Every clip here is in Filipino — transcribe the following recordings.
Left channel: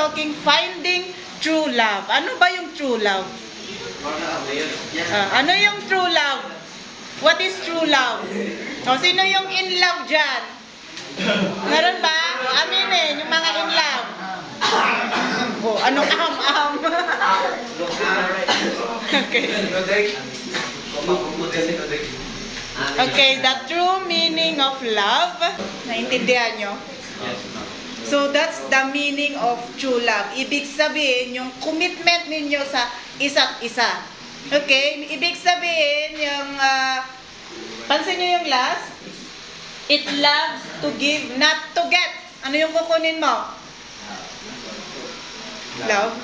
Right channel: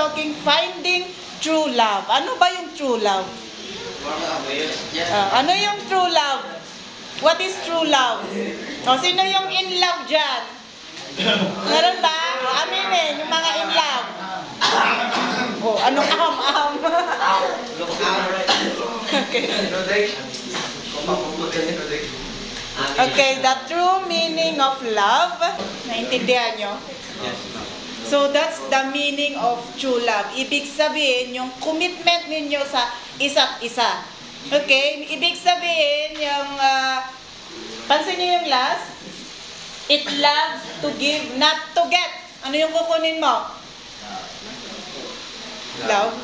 talking finding true love. Ano ba yung true love? Ano yung true love? What is true love? O, sino yung in love dyan? Meron ba? O, aminin, yung mga in love. O, anong aham-aham? Okay. Okay, the true meaning of love. Naintindihan nyo? So, that's the meaning of true love. Ibig sabihin, yung commitment ninyo sa isa't isa. Okay? Ibig sabihin, yung, pansin nyo yung last? It loves to give, not to get. Ano yung kukunin mo? Love?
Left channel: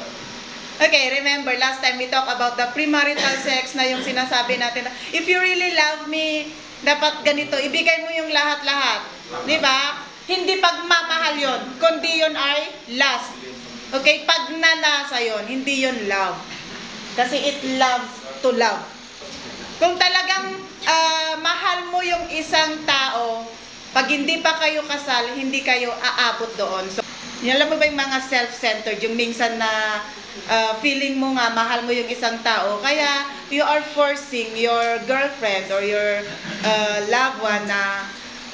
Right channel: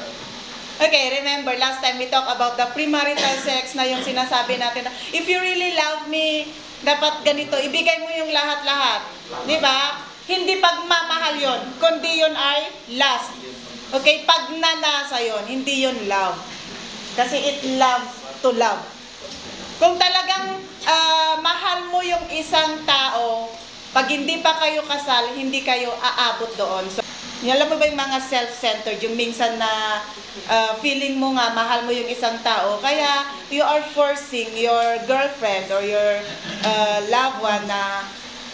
Okay, remember, last time we talked about the premarital sex na yung sinasabi natin na, if you really love me, dapat ganito, ibigay mo yung lahat-lahat. Di ba? Hindi pagmamahal yon, kundi yun ay lust. Okay, pagnanasa yon, hindi yun love. Kasi it loves to love. Kung talagang mahal mo yung isang tao, pag hindi pa kayo kasal, hindi kayo aabot doon. So, alam mo ba yung mga self-centered, yung minsan na feeling mo nga, mahal mo yung isang tao, kaya you are forcing your girlfriend or your loved one na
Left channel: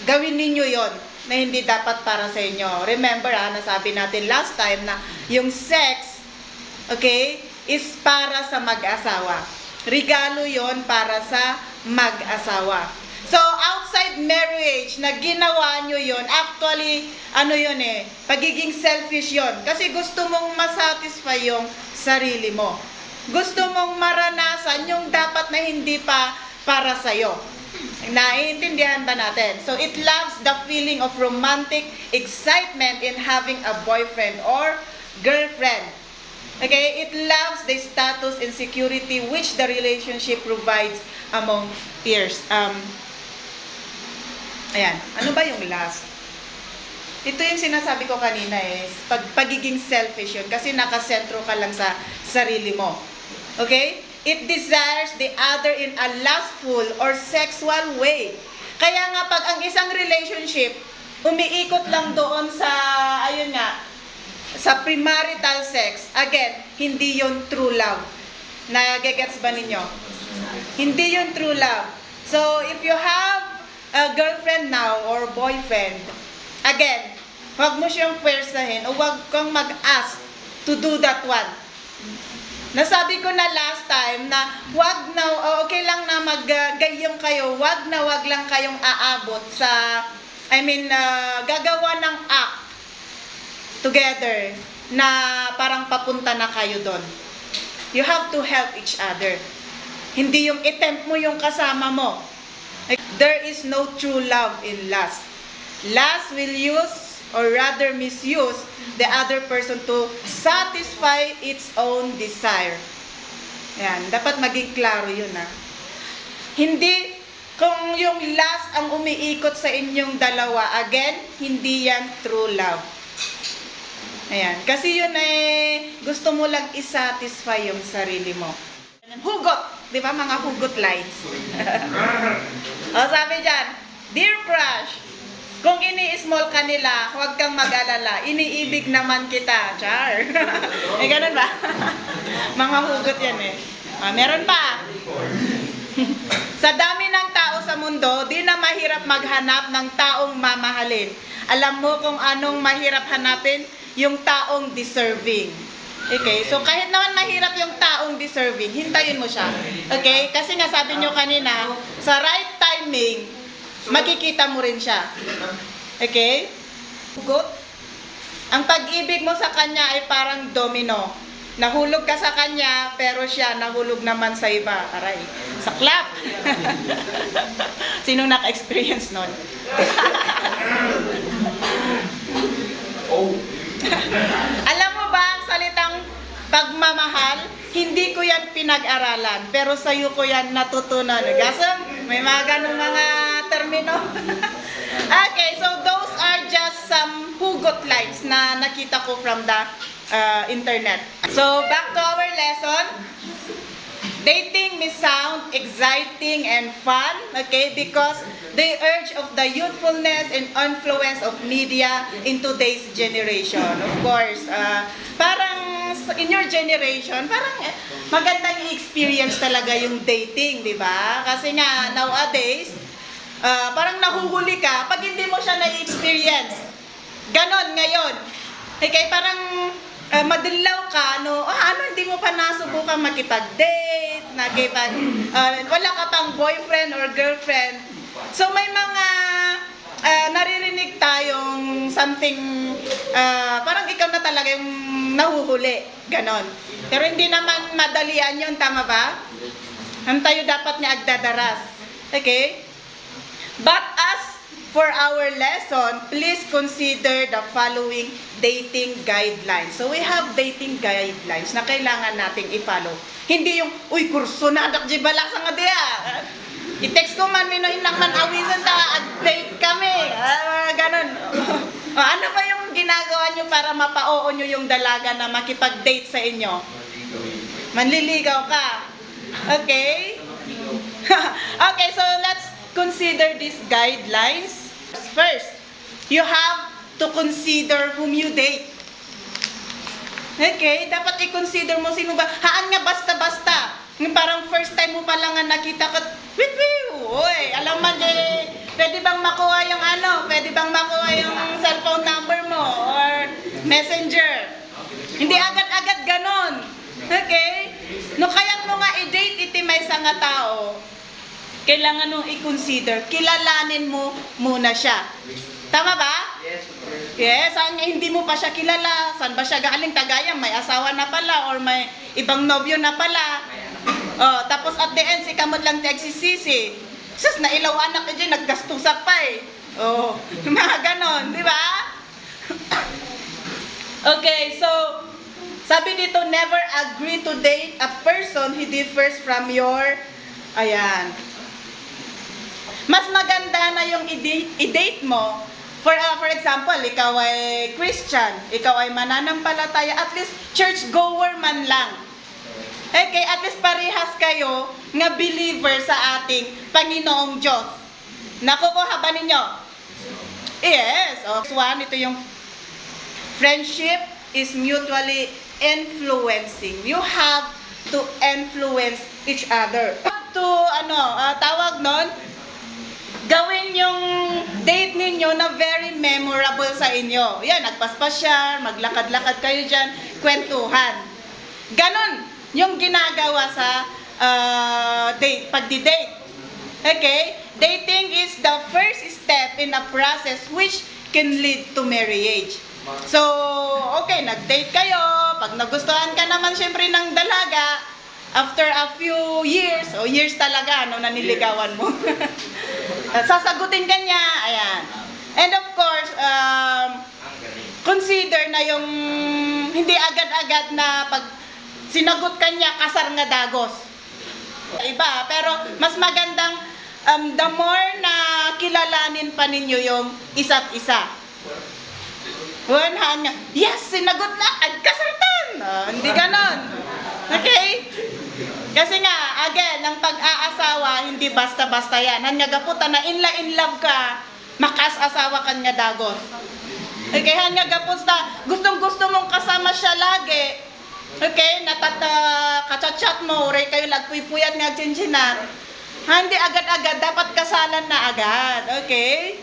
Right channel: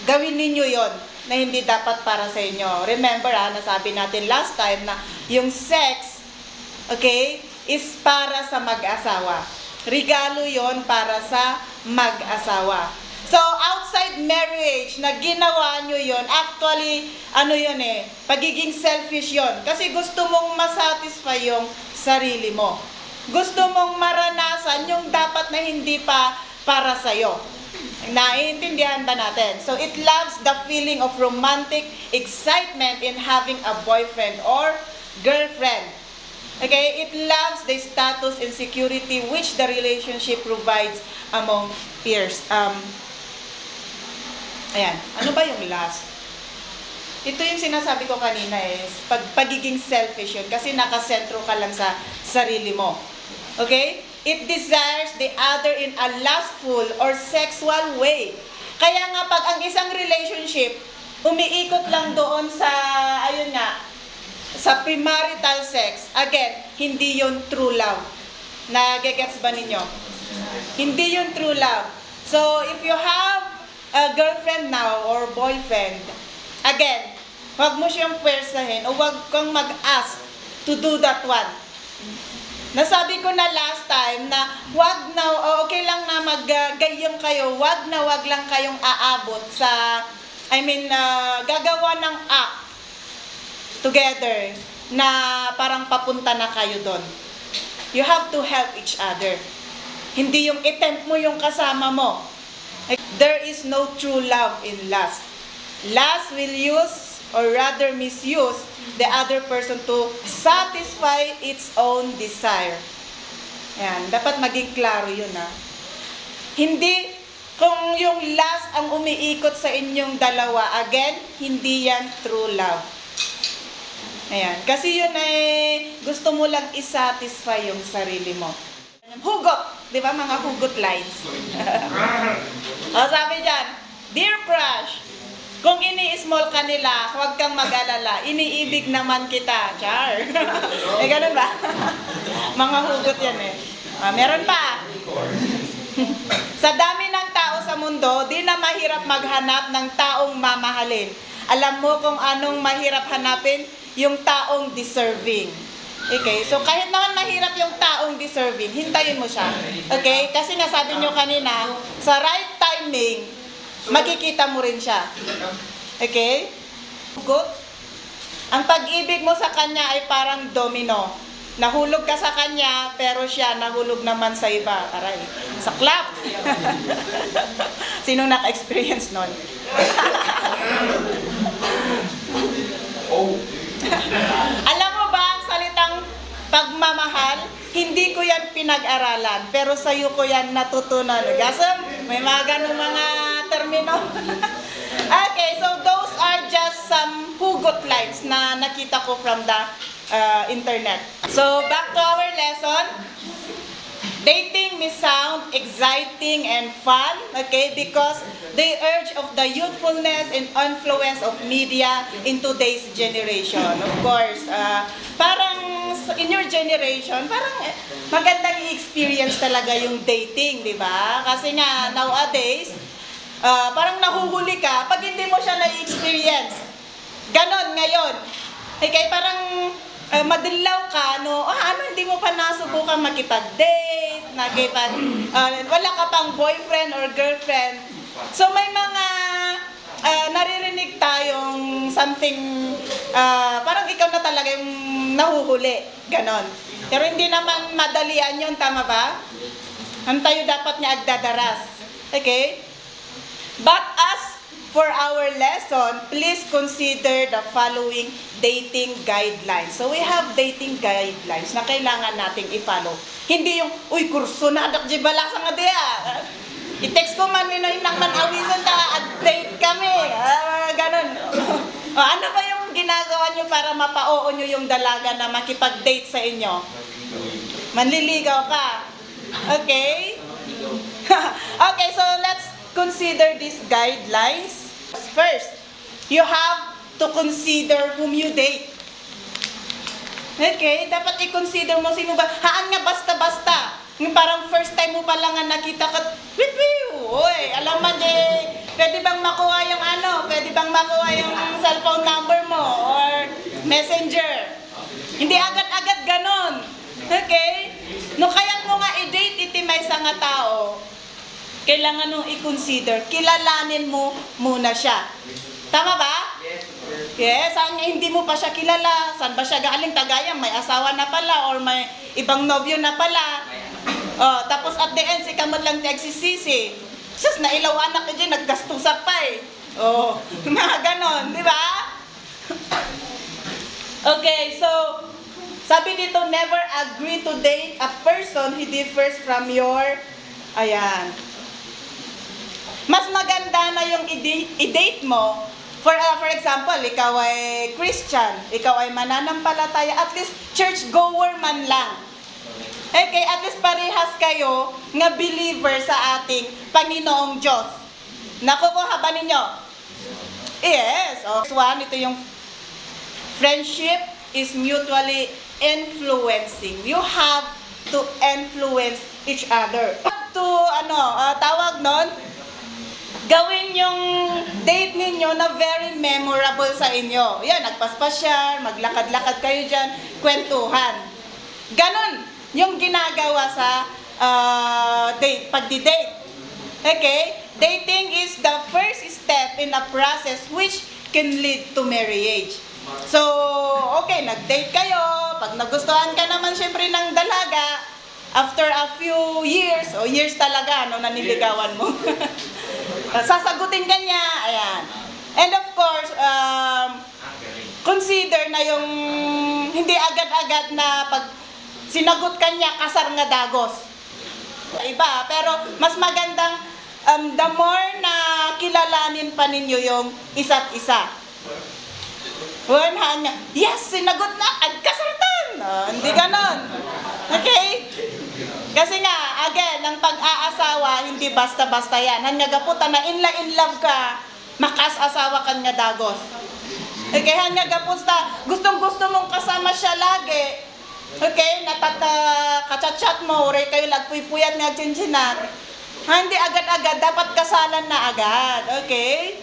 gawin ninyo yon na hindi dapat para sa inyo. Remember, nasabi natin last time na yung sex, okay, is para sa mag-asawa. Regalo yon para sa mag-asawa. So, outside marriage, na ginawa nyo yon, actually, ano yun pagiging selfish yon. Kasi gusto mong masatisfy yung sarili mo. Gusto mong maranasan yung dapat na hindi pa para sa'yo. Naiintindihan ba natin? So, it loves the feeling of romantic excitement in having a boyfriend or girlfriend. Okay? It loves the status and security which the relationship provides among peers. Ayan. Ano ba yung last? Ito yung sinasabi ko kanina pagiging selfish yun. Kasi nakasentro ka lang sa sarili mo. Okay? It desires the other in a lustful or sexual way. Kaya nga pag ang isang relationship, umiikot lang doon sa, ayun nga, sa premarital sex, again, hindi yon true love. Nagegets ba ninyo? Hindi yon true love. So, if you have a girlfriend now or boyfriend, again, huwag mo siyang pwersahin o huwag kang mag-ask to do that one. Nasabi ko na last time na wag na, okay lang na maggayong kayo, wag lang kayong aabot sa, gagawa ng act together na parang papunta na kayo doon. You have to help each other. Hindi yung attempt mo yung kasama mo. There is no true love in lust. Lust will use or rather misuse the other person to satisfy its own desire. Ayan, dapat maging klaro yun Hindi, kung yung lust ang umiikot sa inyong dalawa, again, hindi yan true love. Ayan, kasi yun gusto mo lang isatisfy yung sarili mo. Hugot, di ba mga hugot lines? O sabi dyan, dear crush, kung ini-small ka nila, huwag kang mag-alala. Iniibig naman kita. Char. Ganun ba? Mga hugot yan meron pa. Sa dami ng tao sa mundo, di na mahirap maghanap ng taong mamahalin. Alam mo kung anong mahirap hanapin? Yung taong deserving. Okay? So, kahit naman mahirap yung taong deserving, hintayin mo siya. Okay? Kasi nga sabi nyo kanina, sa right timing, makikita mo rin siya. Okay? Good. Ang pag-ibig mo sa kanya ay parang domino. Nahulog ka sa kanya, pero siya nahulog naman sa iba. Aray, saklap. Sinong naka-experience nun? Alam mo ba ang salitang pagmamahal? Hindi ko yan pinag-aralan, pero sa'yo ko yan natutunan. Gasam, may mga ganong mga termino. Okay, so those are just some hugot lines na nakita ko from the internet. So, back to our lesson. Dating may sound exciting and fun, okay, because the urge of the youthfulness and influence of media in today's generation. Of course, in your generation, parang magandang i-experience talaga yung dating, di ba? Kasi nga, nowadays, parang nahuhuli ka pag hindi mo siya na-experience. Ganon ngayon. Okay, parang madilaw ka, no? Hindi mo pa nasubukan makipag-date, wala ka pang boyfriend or girlfriend. So may mga naririnig tayong something, parang ikaw na talaga yung nahuhuli. Ganon. Pero hindi naman madalian yun, tama ba? Tayo dapat niya agdadaras. Okay? But as for our lesson, please consider the following dating guidelines. So we have dating guidelines na kailangan nating i-follow. Hindi yung, uy, kurso na, dakji balak sa nga diya. I-text ko man, minoy man awisan ta, date kami. Ganon. Ano ba yung ginagawa nyo para mapa-oo nyo yung dalaga na makipag-date sa inyo? Manliligaw ka. Okay? Okay, so let's consider these guidelines. First, you have to consider whom you date. Okay, dapat i-consider mo sino ba. Haan nga basta-basta. Parang first time mo pa lang nga nakita ka, uy, alam mo pwede bang makuha yung pwede bang makuha yung cellphone number mo or messenger. Hindi agad-agad ganon. Okay? No, kaya mo nga i-date iti may sa nga tao, kailangan nung i-consider, kilalanin mo muna siya. Tama ba? Yes, hindi mo pa siya kilala. Saan ba siya galing? Tagayang, may asawa na pala or may ibang nobyo na pala. Tapos at the end, si kamot lang nagsisisi. Sus, nailaw anak ka dyan, naggastusak pa eh. Mga ganon, di ba? Okay, so, sabi dito, never agree to date a person who differs from your, mas maganda na yung i-date mo. For example, ikaw ay Christian, ikaw ay mananampalataya, at least church-goer man lang. Okay, at least parehas kayo nga believer sa ating Panginoong Diyos. Nakukuha ba ninyo? Yes. One, ito yung friendship is mutually influencing. You have to influence each other. To, tawag nun, gawin yung date ninyo na very memorable sa inyo. Yan, nagpaspasyal, maglakad-lakad kayo dyan, kwentuhan. Ganon yung ginagawa sa pagdi-date. Okay? Dating is the first step in a process which can lead to marriage. So, okay, nag-date kayo. Pag nagustuhan ka naman syempre ng dalaga, after a few years, years talaga, naniligawan mo. Sasagutin ka niya, ayan. And of course, consider na yung hindi agad-agad na pag sinagot ka niya, kasar nga dagos. Iba, pero mas magandang the more na kilalanin pa ninyo yung isa't isa. Yes, sinagot na, agkasartan. Hindi ganon. Okay? Kasi nga, again, ang pag-aasawa, hindi basta-basta yan. Hanyagaputa na in love ka, makas-asawa kan nga dagos. Okay, hanyagaputa, gustong-gusto mong kasama siya lagi. Okay, kachat-chat mo, uray kayo lagpuy-puyan nga chinchinan. Hindi agad-agad, dapat kasalan na agad. Okay?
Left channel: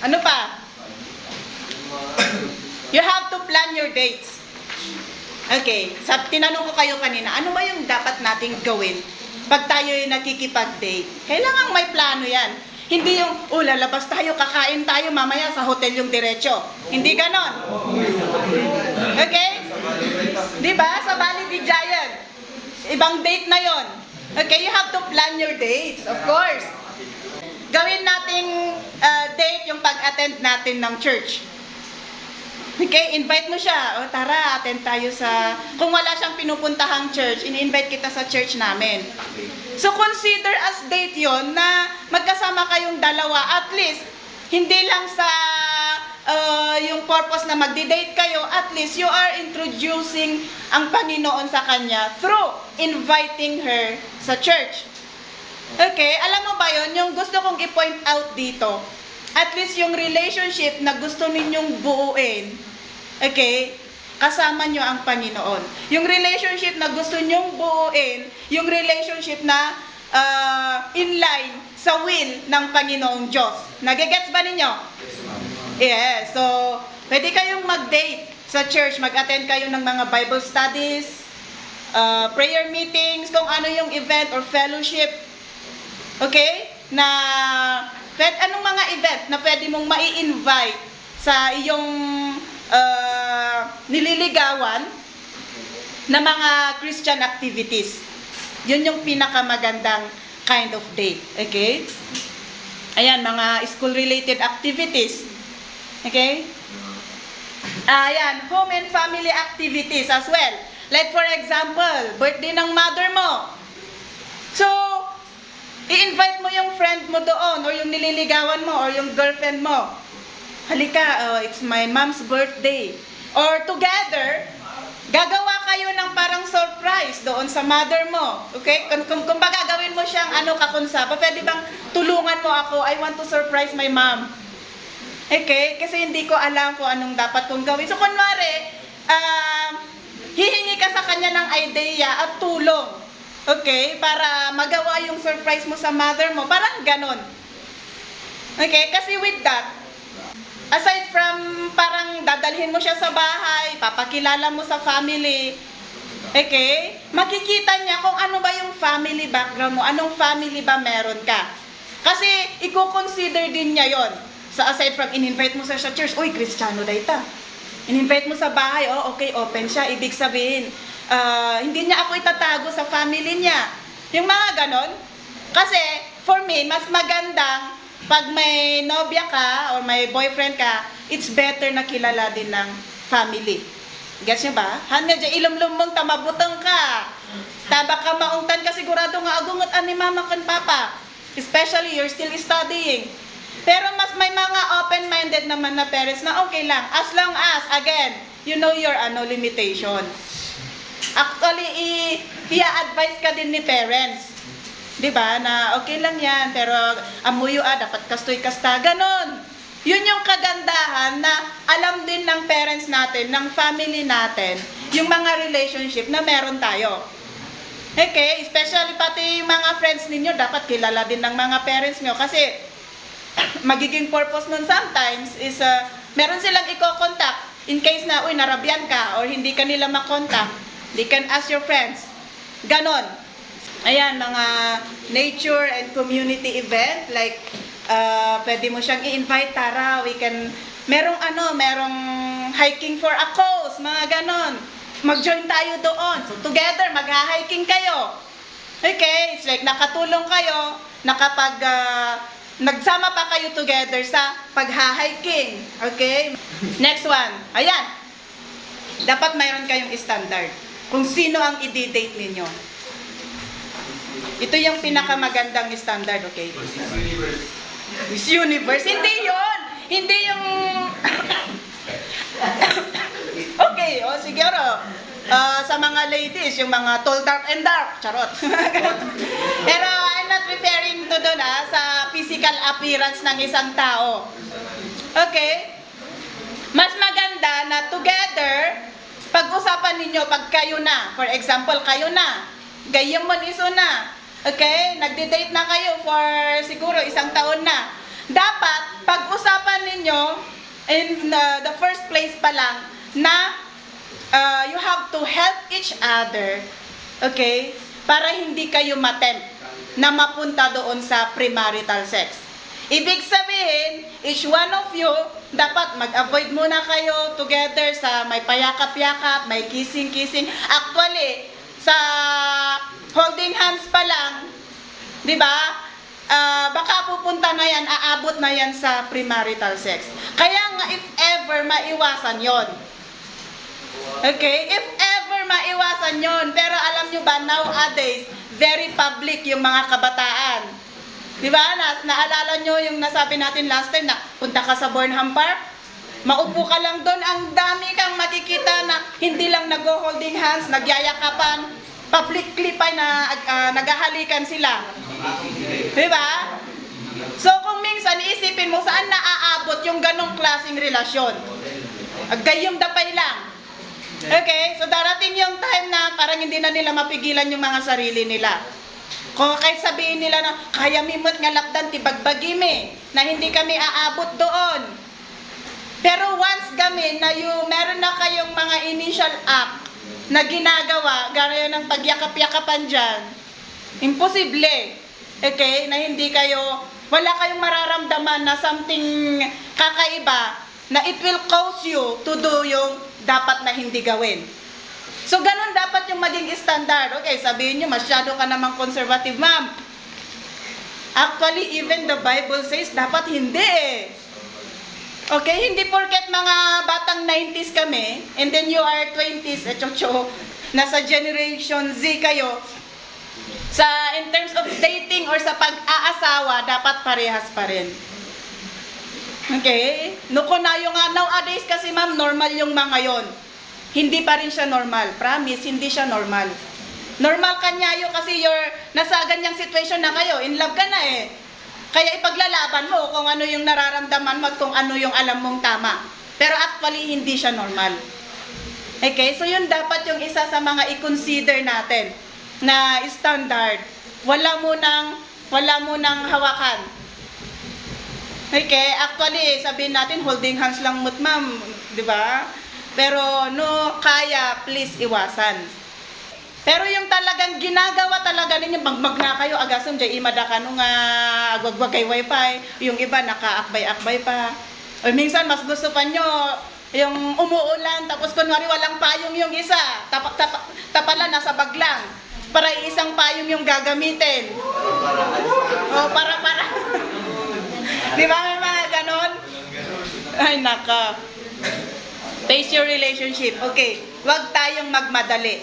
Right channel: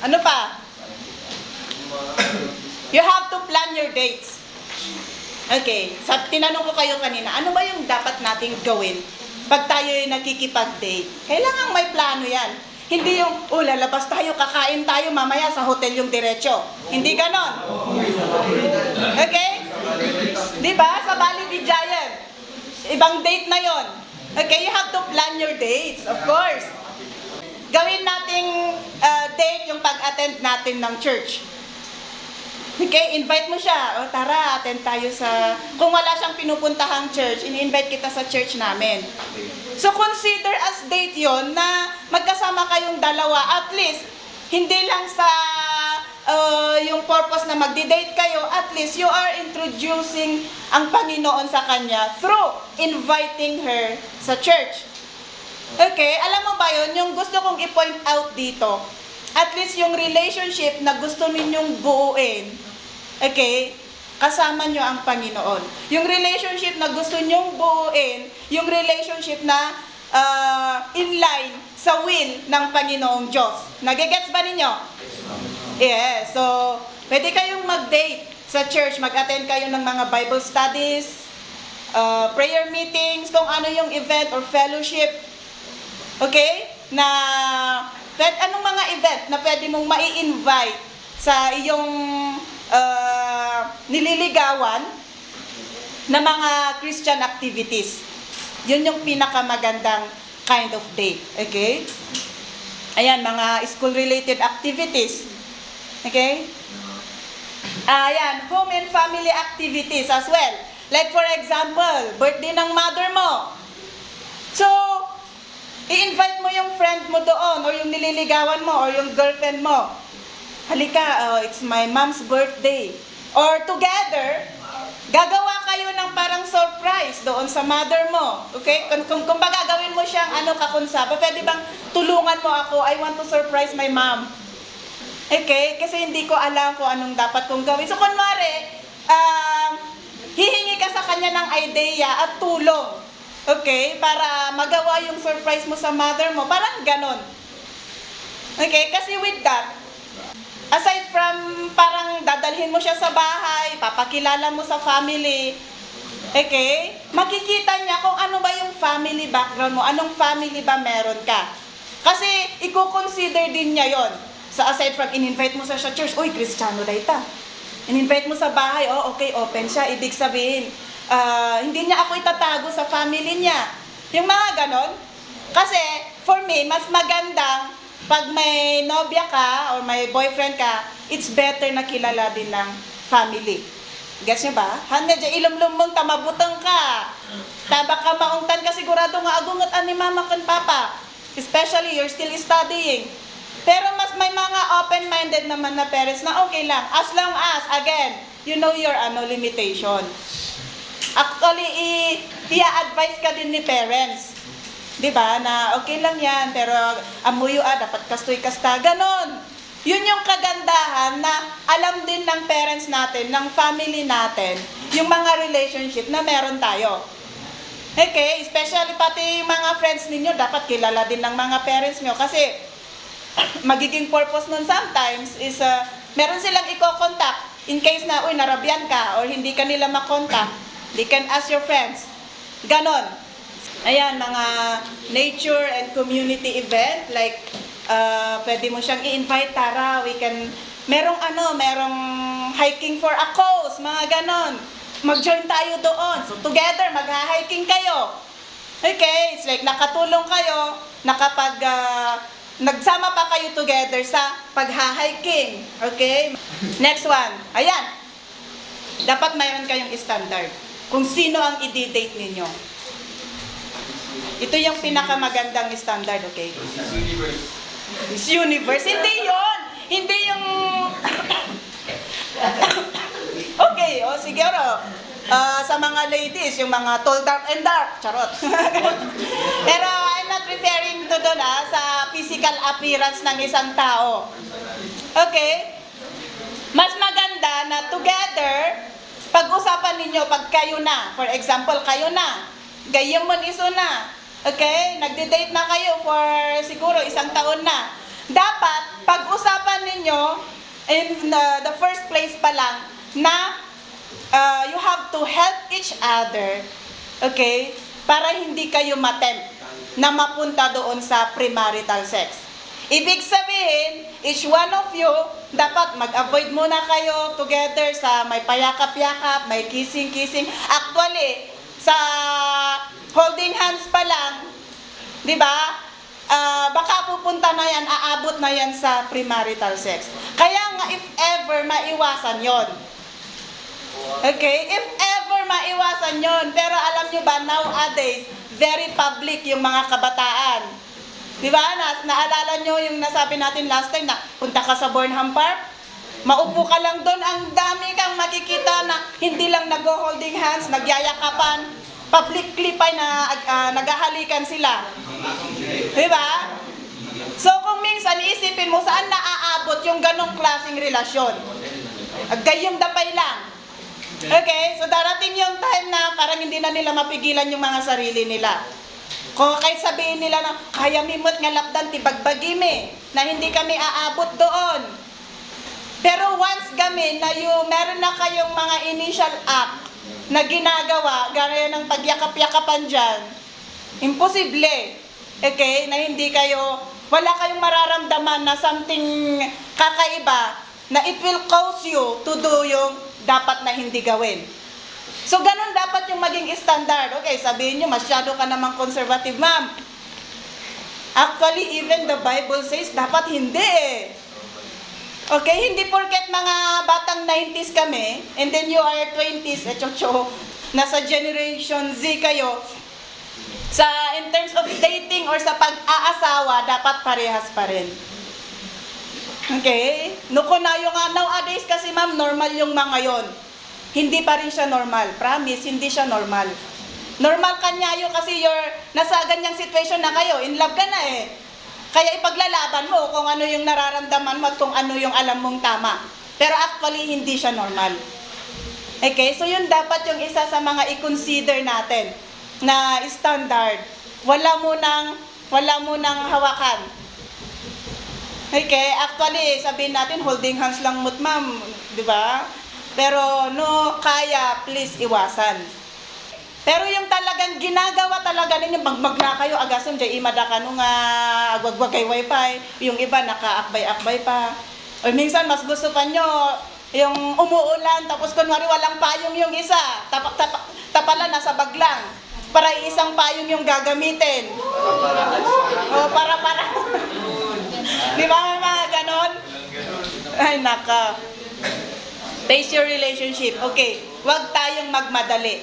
Ano pa? You have to plan your dates. Okay, tinanong ko kayo kanina, ano ba yung dapat nating gawin pag tayo yung nakikipag-date? Kailangan may plano yan. Hindi yung, lalabas tayo, kakain tayo, mamaya sa hotel yung diretso. Hindi ganon. Okay? Diba? Sa Bali di Giant. Ibang date na yon. Okay, you have to plan your dates, of course. Gawin nating date yung pag-attend natin ng church. Okay, invite mo siya. Tara, attend tayo sa... Kung wala siyang pinupuntahang church, in-invite kita sa church namin. So, consider as date yon na magkasama kayong dalawa. At least, hindi lang sa yung purpose na magdi-date kayo, at least you are introducing ang Panginoon sa kanya through inviting her sa church. Okay, alam mo ba yon? Yung gusto kong i-point out dito, at least yung relationship na gusto ninyong buuin, okay, kasama nyo ang Panginoon. Yung relationship na gusto nyong buuin, yung relationship na in line sa will ng Panginoong Diyos. Nagigets ba ninyo? Yes. So, pwede kayong mag-date sa church, mag-attend kayo ng mga Bible studies, prayer meetings, kung ano yung event or fellowship. Okay? Na, anong mga event na pwede mong mai-invite sa iyong nililigawan na mga Christian activities. Yun yung pinakamagandang kind of date. Okay? Ayan, mga school-related activities. Okay? Ayan, home and family activities as well. Like for example, birthday ng mother mo. So, i-invite mo yung friend mo doon or yung nililigawan mo or yung girlfriend mo. Halika, it's my mom's birthday. Or together, gagawa kayo ng parang surprise doon sa mother mo. Okay? Kung baga gawin mo siyang kakunsaba, pwede bang tulungan mo ako? I want to surprise my mom. Okay? Kasi hindi ko alam kung anong dapat kong gawin. So, kunwari, hihingi ka sa kanya ng idea at tulong. Okay? Para magawa yung surprise mo sa mother mo. Parang ganon. Okay? Kasi with that, aside from parang dadalhin mo siya sa bahay, papakilala mo sa family, okay? Makikita niya kung ano ba yung family background mo, anong family ba meron ka. Kasi i-consider din niya yon. So aside from in-invite mo sa church, uy, Kristiyano na ita. In-invite mo sa bahay, okay, open siya. Ibig sabihin, hindi niya ako itatago sa family niya. Yung mga ganon. Kasi, for me, mas magandang pag may nobya ka or may boyfriend ka, it's better na kilala din ng family. Gets nyo ba? Hanya dyan, ilumlum mong tamabutang ka. Taba ka maungtan ka sigurado nga agungot ani mama kan papa. Especially, you're still studying. Pero mas may mga open-minded naman na parents na okay lang. As long as, again, you know your limitation. Actually, i-advise ka din ni parents. Diba? Na okay lang yan, pero amuyo dapat kastoy kasta. Ganon. Yun yung kagandahan na alam din ng parents natin, ng family natin, yung mga relationship na meron tayo. Okay? Especially pati mga friends ninyo, dapat kilala din ng mga parents nyo. Kasi magiging purpose nun sometimes is meron silang i-contact in case na, narabyan ka or hindi ka nila makontak. They can ask your friends. Ganon. Ayan, mga nature and community event, like, pwede mo siyang i-invite, tara, merong hiking for a cause, mga ganon. Mag-join tayo doon. So, together, mag-hiking kayo. Okay, it's like, nakatulong kayo, nagsama pa kayo together sa pag-hiking. Okay? Next one. Ayan. Dapat mayroon kayong standard kung sino ang i-date ninyo. Ito yung pinakamagandang standard, okay? Miss Universe. Hindi yun! Hindi yung... Okay, siguro. Sa mga ladies, yung mga tall, dark, and dark. Charot. Pero I'm not referring to doon sa physical appearance ng isang tao. Okay? Mas maganda na together, pag-usapan ninyo pag kayo na. For example, kayo na. Gayong mo iso na. Okay? Nagde-date na kayo for siguro isang taon na. Dapat, pag-usapan ninyo in the first place pa lang na you have to help each other, okay? Para hindi kayo matempt na mapunta doon sa premarital sex. Ibig sabihin, each one of you, dapat mag-avoid muna kayo together sa may payakap-yakap, may kissing-kissing. Actually, sa holding hands pa lang, di ba? Baka pupunta na yan, aabot na yan sa premarital sex. Kaya nga, if ever, maiwasan yon. Okay? If ever, maiwasan yon. Pero alam nyo ba, nowadays, very public yung mga kabataan. Di ba? Naalala nyo yung nasabi natin last time na punta ka sa Burnham Park? Maupo ka lang doon, ang dami kang makikita na hindi lang nag-holding hands, nagyayakapan, publicly pa na naghahalikan sila. Diba? So kung minsan iisipin mo saan naaabot yung ganong klaseng relasyon. Gayong dapay lang. Okay, so darating yung time na parang hindi na nila mapigilan yung mga sarili nila. Kung kahit sabihin nila na, kaya mimot nga lapdan, tibagbagime, na hindi kami aabot doon. Pero once kami na meron na kayong mga initial act na ginagawa, gaya ng pagyakap-yakapan dyan, imposible, okay, na hindi kayo, wala kayong mararamdaman na something kakaiba, na it will cause you to do yung dapat na hindi gawin. So, ganun dapat yung maging standard. Okay, sabihin nyo, masyado ka namang conservative, ma'am. Actually, even the Bible says, dapat hindi eh. Okay, hindi porket mga batang 90s kami, and then you are 20s, nasa generation Z kayo, in terms of dating or sa pag-aasawa, dapat parehas pa rin. Okay? Nukunayo nga, nowadays kasi ma'am, normal yung mga yon. Hindi pa rin siya normal. Promise, hindi siya normal. Normal kanyayo kasi nasa ganyang situation na kayo, in love ka na eh. Kaya ipaglalaban mo kung ano yung nararamdaman mo at kung ano yung alam mong tama. Pero actually, hindi siya normal. Okay? So yun dapat yung isa sa mga i-consider natin na standard. Wala mo nang hawakan. Okay, actually, sabihin natin, holding hands lang mo't ma'am, di ba? Pero no, kaya, please iwasan. Pero yung talagang ginagawa talaga ninyo, magmagla kayo, agasam, jay imada ka nung agwagwag kay wifi, yung iba nakaakbay-akbay pa. O minsan, mas gusto pa nyo, yung umuulan, tapos kunwari walang payong yung isa, tapala, nasa bag lang. Para isang payong yung gagamitin. O, para. Di ba may mga ganon? Ay, naka. Base your relationship. Okay, wag tayong magmadali.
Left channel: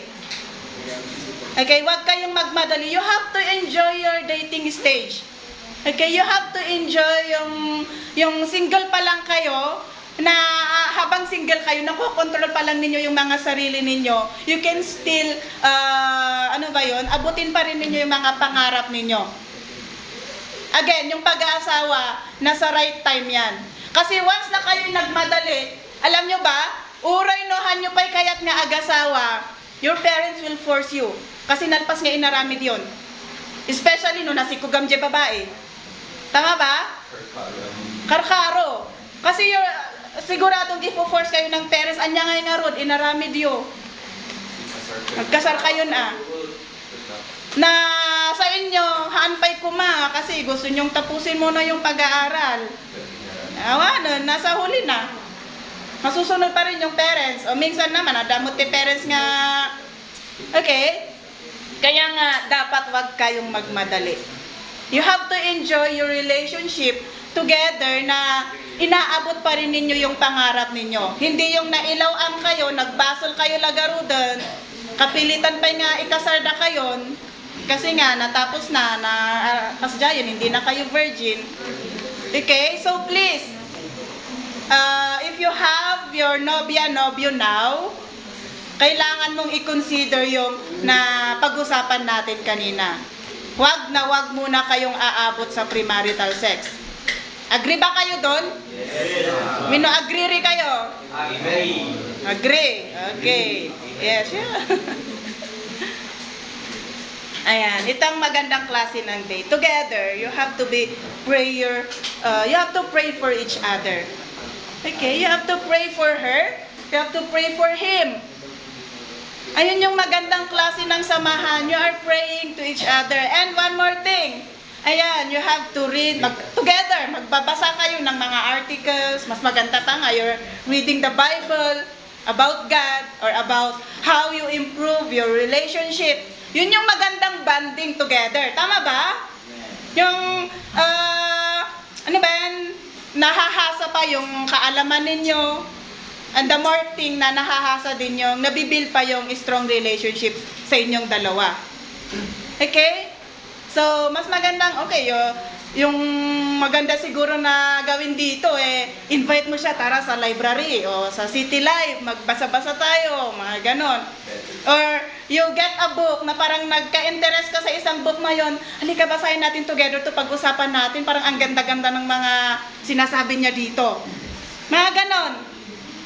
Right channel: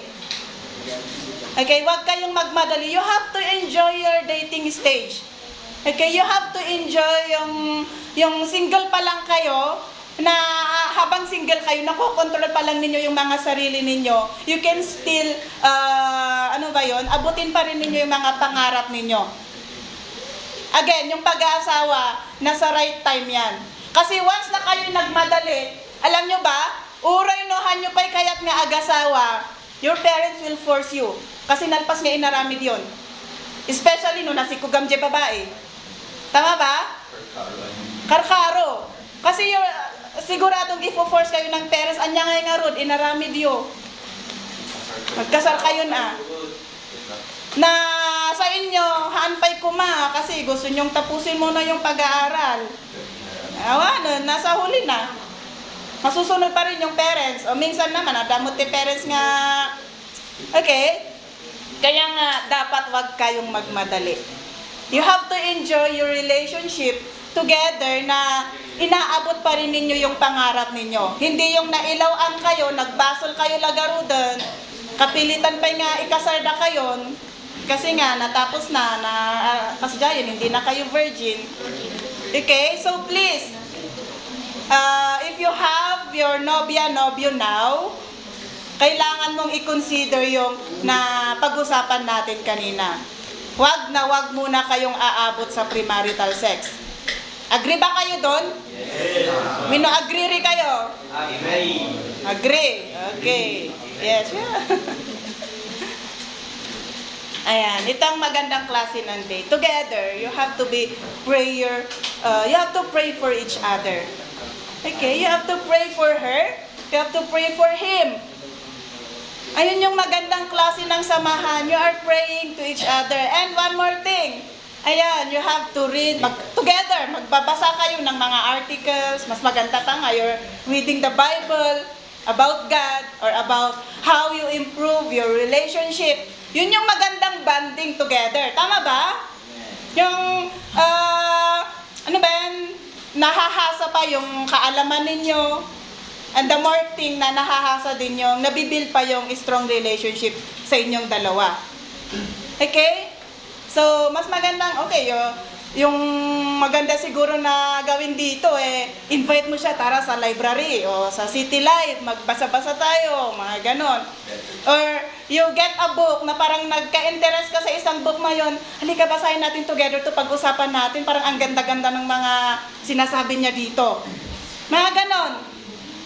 Okay, wag kayong magmadali. You have to enjoy your dating stage. Okay, you have to enjoy yung single pa lang kayo, na habang single kayo, nakokontrol pa lang ninyo yung mga sarili ninyo. You can still, abutin pa rin ninyo yung mga pangarap ninyo. Again, yung pag-aasawa, nasa right time yan. Kasi once na kayo nagmadali, alam nyo ba, uray nohan nyo pa'y kaya't nga agasawa, your parents will force you. Kasi nalpas nga inaramid yon. Especially no nasikugam je babae. Tama ba? Karkaro. Kasi siguradong ifo-force kayo ng parents, anya nga rod, inaramid yo. Magkasal kayo na. Na sa inyo, haanpay kuma kasi gusto nyong tapusin mo na yung pag-aaral. Nasa huli na. Masusunod pa rin yung parents. O minsan naman, adamot ti parents nga. Okay? Kaya nga, dapat wag kayong magmadali. You have to enjoy your relationship together na inaabot pa rin ninyo yung pangarap ninyo. Hindi yung nailawang kayo, nagbasol kayo lagarudan, kapilitan pa nga ikasarda kayon, kasi nga, natapos kasdayan, hindi na kayo virgin. Okay? So, please, if you have your nobyo now, kailangan mong i-consider yung na pag-usapan natin kanina. Wag muna kayong aabot sa premarital sex. Agree ba kayo doon? Yes. Mino agree rin kayo? Agree. Okay. Yes, yeah. Ayan, itong magandang klase ng day. Together, you have to you have to pray for each other. Okay, you have to pray for her, you have to pray for him. Ayun yung magandang klase ng samahan. You are praying to each other. And one more thing, ayan, you have to read, together, magbabasa kayo ng mga articles, mas maganda pa nga, you're reading the Bible about God, or about how you improve your relationship. Yun yung magandang bonding together. Tama ba? Yung, nahahasa pa yung kaalaman ninyo. And the more thing na nahahasa din yung, nabibuild pa yung strong relationship sa inyong dalawa. Okay? So, mas magandang, yung maganda siguro na gawin dito, invite mo siya, tara sa library o sa City Life, magbasa-basa tayo, mga ganon. Or you get a book na parang nagka-interest ka sa isang book na yun, halika basahin natin together to pag-usapan natin, parang ang ganda-ganda ng mga sinasabi niya dito. Mga ganon.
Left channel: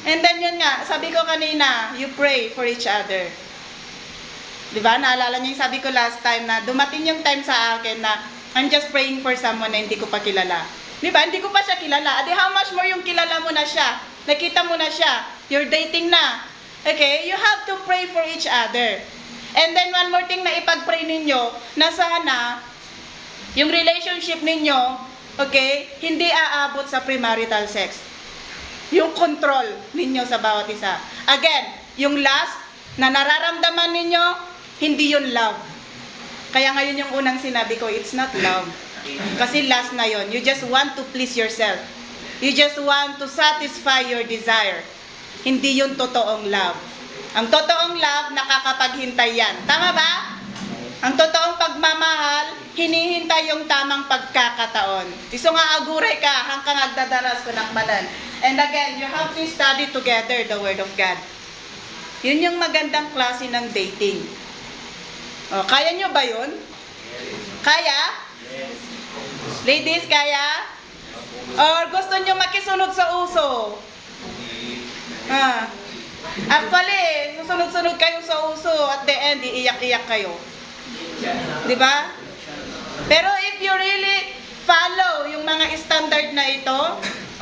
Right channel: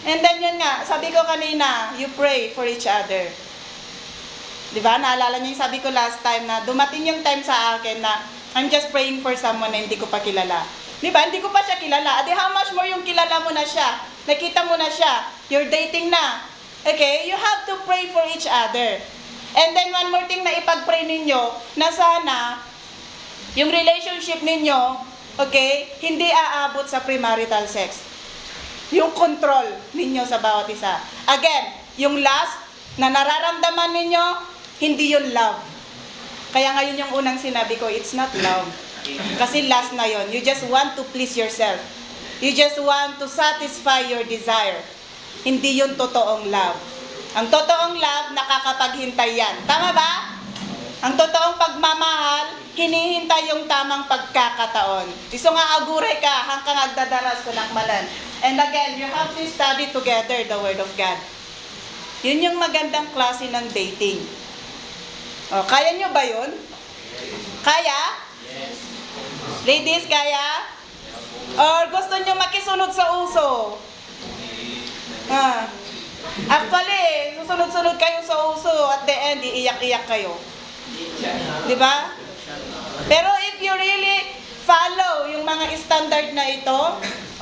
And then yun nga, sabi ko kanina, you pray for each other. Diba? Naalala niyo yung sabi ko last time na dumating yung time sa akin na I'm just praying for someone na hindi ko pa kilala. Diba? Hindi ko pa siya kilala. Adi, how much more yung kilala mo na siya? Nakita mo na siya. You're dating na. Okay? You have to pray for each other. And then one more thing na ipag-pray ninyo, na sana yung relationship ninyo, okay, hindi aabot sa premarital sex. Yung control ninyo sa bawat isa. Again, yung lust na nararamdaman ninyo, hindi yun love. Kaya ngayon yung unang sinabi ko, it's not love. Kasi lust na yun. You just want to please yourself. You just want to satisfy your desire. Hindi yun totoong love. Ang totoong love, nakakapaghintay yan. Tama ba? Ang totoong pagmamahal, hinihintay yung tamang pagkakataon. Iso nga aguray ka, hanggang agdadaras ko nakmalan. And again, you have to study together the Word of God. Yun yung magandang klase ng dating. O, kaya nyo ba yun? Kaya? Ladies, kaya? Or gusto nyo makisunod sa uso? Actually, susunod-sunod kayo sa uso, at the end, iiyak-iyak kayo. Diba? Pero if you really follow yung mga standard na ito,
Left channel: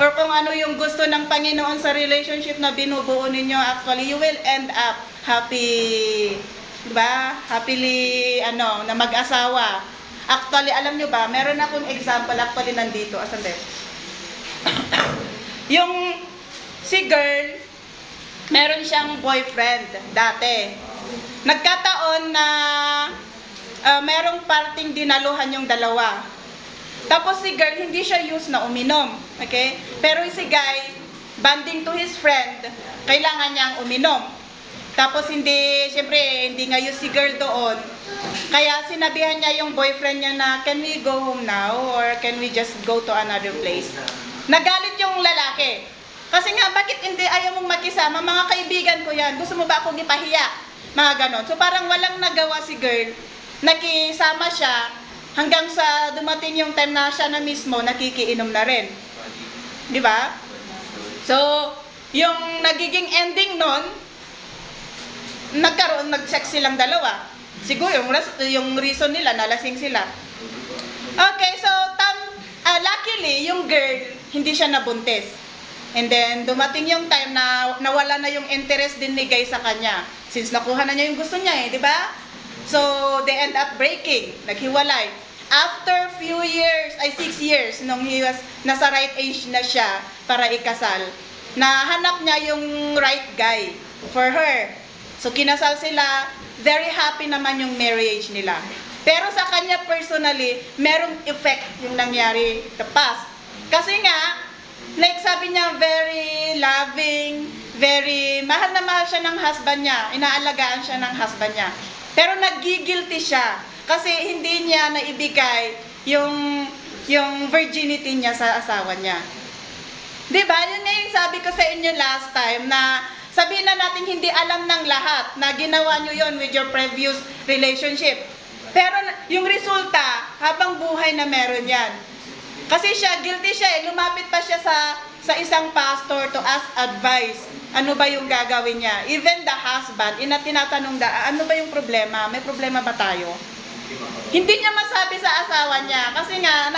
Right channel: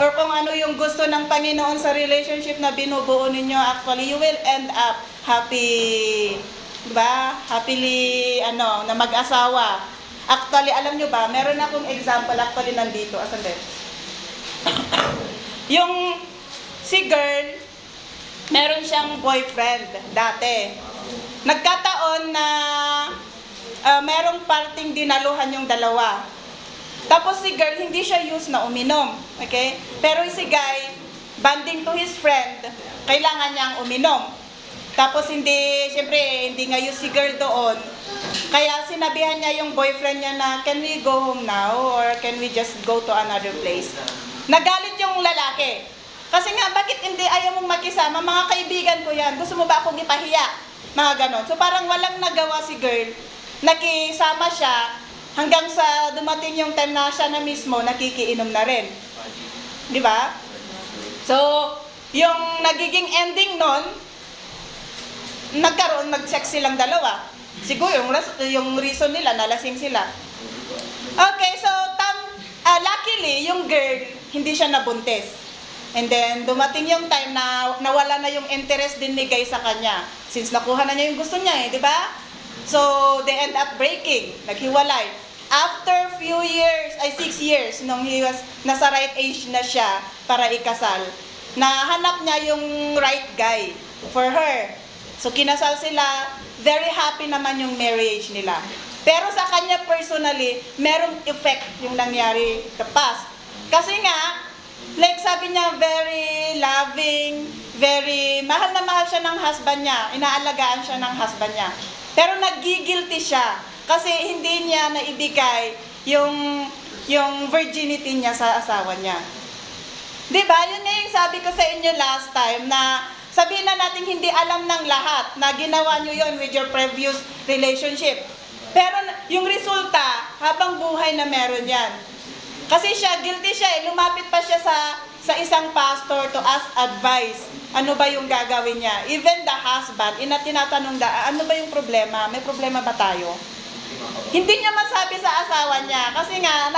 or kung ano yung gusto ng Panginoon sa relationship na binubuo ninyo, actually, you will end up happy, diba? Happily, na mag-asawa. Actually, alam nyo ba, meron akong example, actually, nandito. Asan din? Yung si girl, meron siyang boyfriend dati. Nagkataon na merong parting dinaluhan yung dalawa. Tapos si girl, hindi siya used na uminom. Okay? Pero si guy, banding to his friend, kailangan niyang uminom. Tapos siyempre, hindi nga used si girl doon. Kaya sinabihan niya yung boyfriend niya na, can we go home now? Or can we just go to another place? Nagalit yung lalaki. Kasi nga, bakit hindi ayaw mong makisama? Mga kaibigan ko yan. Gusto mo ba akong ipahiya? Mga ganon. So parang walang nagawa si girl. Nakisama siya hanggang sa dumating yung time na siya na mismo nakikiinom na rin. Di ba? So, yung nagiging ending nun, nag-sex silang dalawa. Siguro yung reason nila, nalasing sila. Okay, so luckily, yung girl, hindi siya nabuntis. And then, dumating yung time na nawala na yung interest din ni guy sa kanya. Since nakuha na niya yung gusto niya di ba? So, they end up breaking. Naghiwalay. After 6 years, nung nasa right age na siya para ikasal, nahanap niya yung right guy for her. So, kinasal sila. Very happy naman yung marriage nila. Pero sa kanya personally, merong effect yung nangyari the past. Kasi nga, like sabi niya, very loving, very, mahal na mahal siya ng husband niya, inaalagaan siya ng husband niya. Pero nagigilty siya, kasi hindi niya naibigay yung virginity niya sa asawa niya. Diba? Yun nga yung sabi ko sa inyo last time, na sabihin na natin hindi alam ng lahat, na ginawa nyo yon with your previous relationship. Pero yung resulta, habang buhay na meron yan. Kasi guilty siya lumapit pa siya sa isang pastor to ask advice. Ano ba yung gagawin niya? Even the husband, tinatanong ano ba yung problema? May problema ba tayo? Hindi niya masabi sa asawa niya kasi nga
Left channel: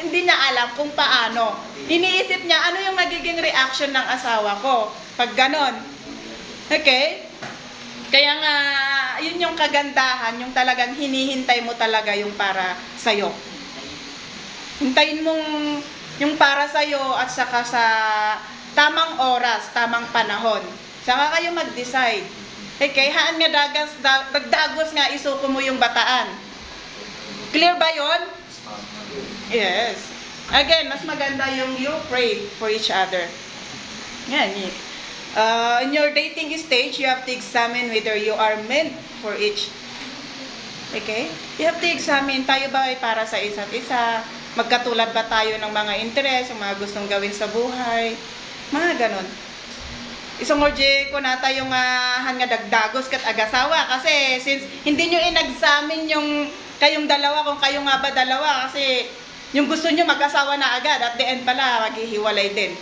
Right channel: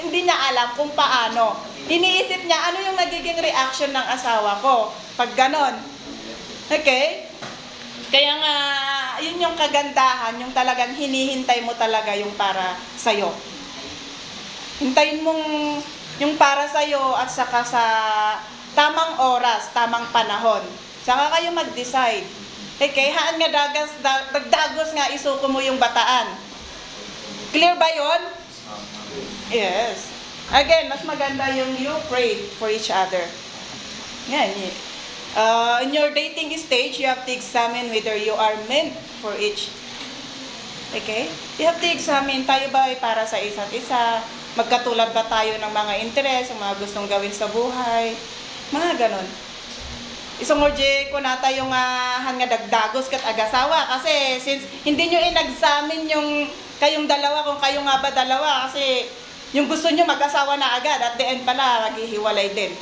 hindi niya alam kung paano. Iniisip niya ano yung magiging reaction ng asawa ko pag ganon. Okay? Kaya nga, yun yung kagandahan, yung talagang hinihintay mo talaga yung para sa'yo. Hintayin mong yung para sa'yo at saka sa tamang oras, tamang panahon. Saka kayo mag-decide. Okay, haan nga dagdagos nga isuko mo yung bataan. Clear ba yon? Yes. Again, mas maganda yung you pray for each other. Yan. In your dating stage, you have to examine whether you are meant for each. Okay? You have to examine, tayo ba ay para sa isa't isa? Magkatulad ba tayo ng mga interes, yung mga gustong gawin sa buhay? Mga ganon. Isang orje ko nata yung nga dagdagos kat agasawa. Kasi since hindi nyo in-examine yung kayong dalawa, kung kayo nga ba dalawa, kasi yung gusto nyo mag-asawa na agad, at the end pala, maghihiwalay din.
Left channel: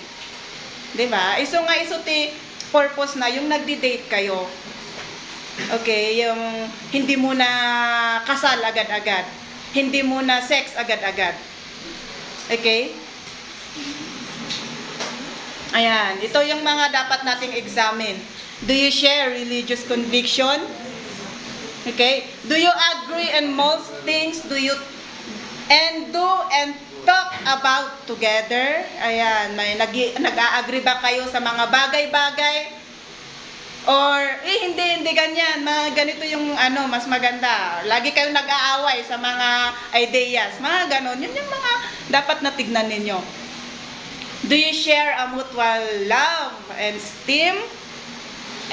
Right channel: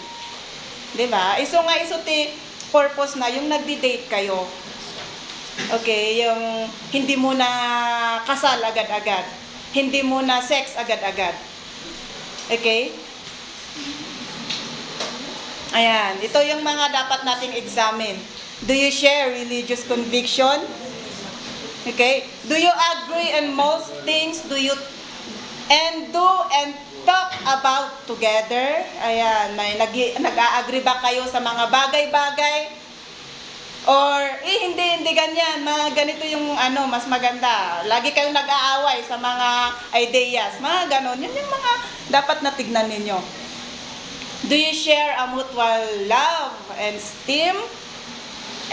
'Di ba? Iso nga iso ti purpose na yung nagdi-date kayo. Okay, yung hindi mo na kasal agad-agad. Hindi mo na sex agad-agad. Okay? Ayan, ito yung mga dapat nating examine. Do you share religious conviction? Okay? Do you agree on most things? Do and talk about together? Ayan, may nag-a-agree ba kayo sa mga bagay-bagay? Or, hindi ganyan. Ganito yung mas maganda. Lagi kayong nag-aaway sa mga ideas. Mga ganon. Yun yung mga dapat na tignan ninyo. Do you share a mutual love and esteem?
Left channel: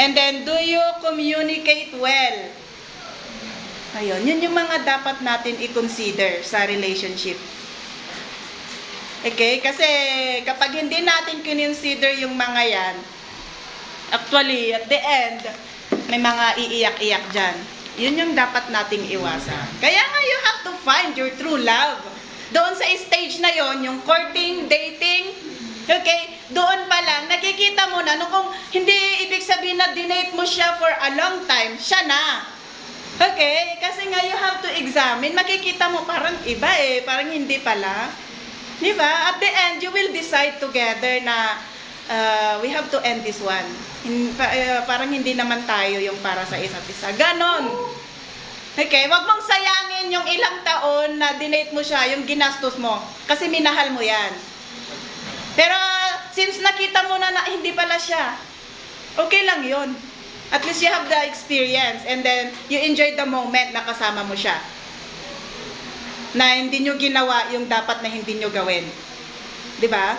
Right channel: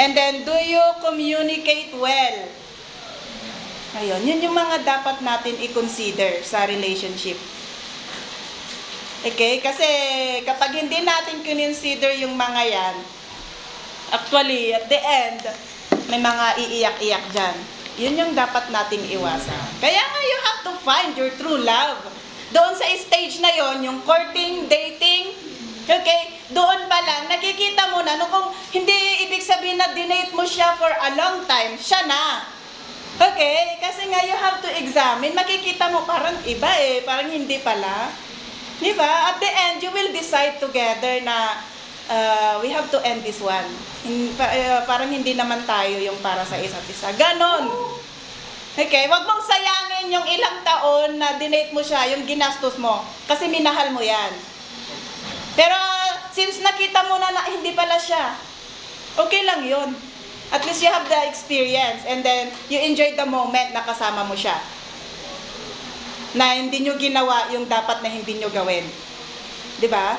And then, do you communicate well? Ayun, yun yung mga dapat natin i-consider sa relationship. Okay? Kasi kapag hindi natin consider yung mga yan, actually, at the end, may mga iiyak-iyak dyan. Yun yung dapat nating iwasan. Kaya nga, you have to find your true love. Doon sa stage na yon, yung courting, dating, okay, doon pa lang, nakikita mo na, kung hindi ibig sabihin na dinate mo siya for a long time, siya na. Okay, kasi nga you have to examine, makikita mo parang iba parang hindi pala. Diba? At the end, you will decide together na we have to end this one. Parang hindi naman tayo yung para sa isa't isa. Ganon. Okay, wag mong sayangin yung ilang taon na dinate mo siya, yung ginastos mo. Kasi minahal mo yan. Pero since nakita mo na hindi pala siya, okay lang yun. At least you have the experience and then you enjoy the moment na kasama mo siya. Na hindi nyo ginawa yung dapat na hindi nyo gawin. 'Di ba?